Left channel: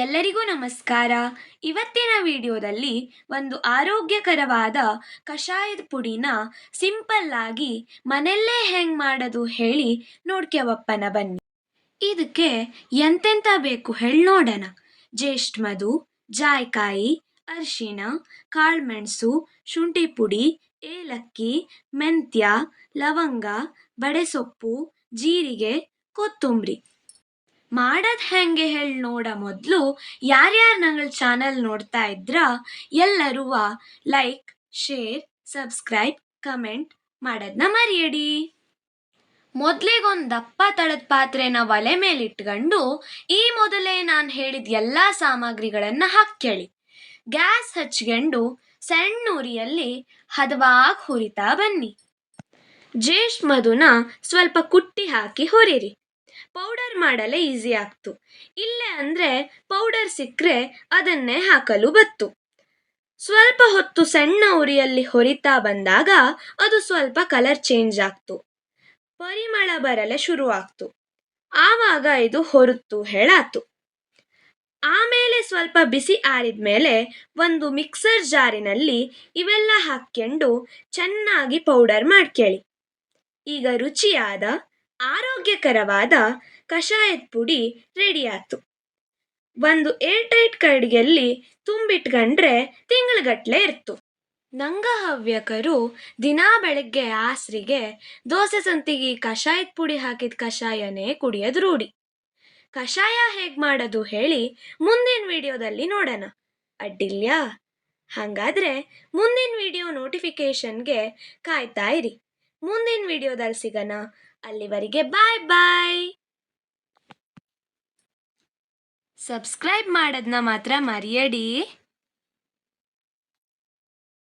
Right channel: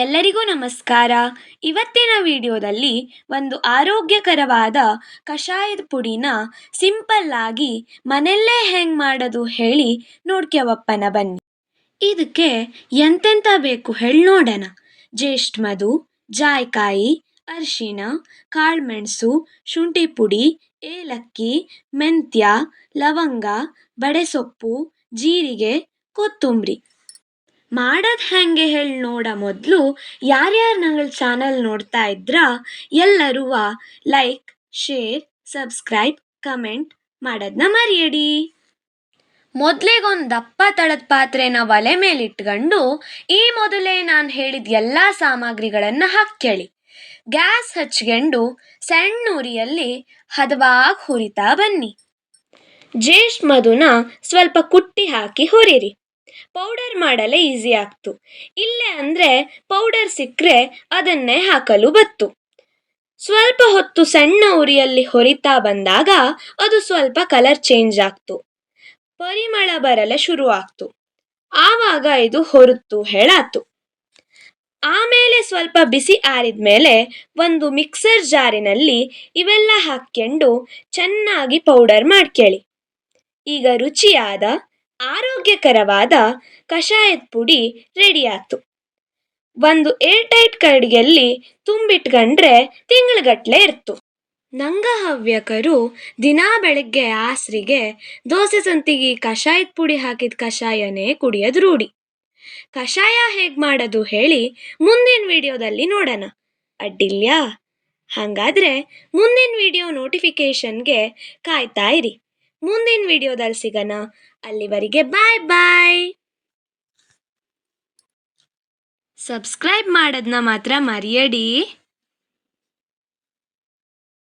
ಎಲ್ಲರಿಗೂ ನಮಸ್ಕಾರ. ಇವತ್ತಿನ ವಿಡಿಯೋದಲ್ಲಿ ಒಂದು ಆರೋಗ್ಯಕರವಾದ ಕಷಾಯದ ಪುಡಿನ ಸಿಂಪಲ್ ಆಗಿ ಮನೆಯಲ್ಲೇ ಹೆಂಗೆ ಮಾಡೋದು ಹೇಳಿ ನೋಡ್ಕ್ಯವಪ್ಪನ ಬನ್ನಿ. ಇದಕ್ಕೆ ಎಂತೆಂತ ಬೇಕು ಹೇಳಿ ನೋಡೋಣ. ಜ್ಯೇಷ್ಠ ಮಧು, ಜಾಯ್ಕಾಯಿ, ಅರಿಶಿಣ, ಕಾಳುಮೆಣಸು, ಶುಂಠಿ ಪುಡಿ, ಏಲಕ್ಕಿ, ಮೆಂತ್ಯ, ಲವಂಗ, ಬಡೆಸೊಪ್ಪು, ಜೀರಿಗೆ, ಕೊತ್ತಂಬರಿ. ಮಾಡೋದು ಹೆಂಗೆ ಹೇಳಿ ನೋಡ ಮೊದಲು ಯಾರ್ಯಾರು ನಂಗಳ ಚಾನಲ್ ನೋಡ್ತಾ ಇದ್ರ ಎಲ್ಲರೂ ಲೈಕ್, ಶೇರ್, ಸಬ್ಸ್ಕ್ರೈಬ್, ಕಮೆಂಟ್ ಮಾಡೋದನ್ನ ಮರೆಯಡಿ. ಮೊದಲಿಗೊಂದು ದಪ್ಪ ತಳದ ಪಾತ್ರೆನ ಒಲೆ ಮೇಲೆ ಇಟ್ಕೊಂಡು ಈ ಮೊದಲೇ ನಾನು ಹೇಳಿದ ಎಲ್ಲ ಸಾಮಗ್ರಿಗಳನ್ನು ಹಾಕ್ಕೊಳ್ಳಿ. ಗ್ಯಾಸ್ ಹಚ್ಕೊಂಡು ಸಣ್ಣ ಉರಿಯಲ್ಲಿ ಹದವಾಗಿ ಹುರಿತಾ ಬನ್ನಿ. ಜ್ಯೇಷ್ಠ ಮಧುನ ಸ್ವಲ್ಪ ಕುಟ್ಟಿ ಹಾಕಿ ಹುರಿರಿ. ಪೌಡರ್ ಮಾಡಲೇ ಈಸಿ ಆಗ್ತು. ಇಲ್ಲೇ ಅಂದರೆ ಪೌಡರ್ ಸಿಕ್ಕರೆ ಅದನ್ನೇ ಹಾಕಲು ಬತ್ತು. ಸ್ವಲ್ಪ ಹೊತ್ತು ಸಣ್ಣ ಉರಿಯಲ್ಲಿ ಹೊರಿತಾ ಬಂದಾಗ ಅದು ಸ್ವಲ್ಪ ಕಲರ್ ಚೇಂಜ್ ಆಗ್ತು, ಪರಿಮಳ ಬರಲು ಶುರು ಆಗ್ತು. ಆವಾಗ ಇದು ಹೊರತು ಹೇಳಾತು. ಆಮೇಲೆ ಸ್ವಲ್ಪ ಬಿಸಿ ಆರಿದ ಮೇಲೆ ಒಂದು ಮಿಕ್ಸರ್ ಜಾರಿನಲ್ಲಿ ಇವೆಲ್ಲ ಹಾಕ್ಕೊಂಡು ಚೆನ್ನಾಗಿ ಪೌಡರ್ ಮಾಡ್ಕೊಳ್ಳಿ. ಈಗ ರುಚಿಯಾದ ಆರೋಗ್ಯಕರವಾದ ಕಷಾಯದ ಪುಡಿ ರೆಡಿ ಆಯ್ತು. ಒಂದು ಏರ್ಟೈಟ್ ಕರಡಿಗೆಯಲ್ಲಿ ತುಂಬಿಟ್ಕೊಂಡ್ರೆ ತಿಂಗಳಗಟ್ಲೆ ಇರ್ತು. ನಂಗ ಹವ್ಯಕರು ದಿನಾ ಬೆಳಗ್ಗೆ ಆಸರಿಗೆ ದೋಸೆ ಸಂತಿಗೆ ಕಷಾಯದ ಪುಡಿ ಹಾಕಿದ ಕಷಾಯನೇ ಕುಡಿಯೋದು ರೂಢಿ. ಕಷಾಯ ಹೇಗೆ ಮಾಡೋದು ಹೇಳಿ ಮುಂದಿನ ವಿಡಿಯೋದಲ್ಲಿ ನೋಡೋಣ, ಅಡ್ಡಿಲ್ಯಾ? ಹಾಗಾದ್ರೆ ಮುಂದಿನ ವಿಡಿಯೋ ನೋಟಿಫಿಕೇಶನ್ಗೆ ಕಾಯ್ತಾ ಇರಿ. ಮುಂದಿನ ವಿಡಿಯೋದಲ್ಲಿ ಸಿಗೋಣ. ಅಲ್ಲಿವರೆಗೆ ಬಾಯ್ ಬಾಯ್. ಸಬ್ಸ್ಕ್ರೈಬ್ ಮಾಡೋದನ್ನ ಮಾತ್ರ ಮರೆಯಡಿ.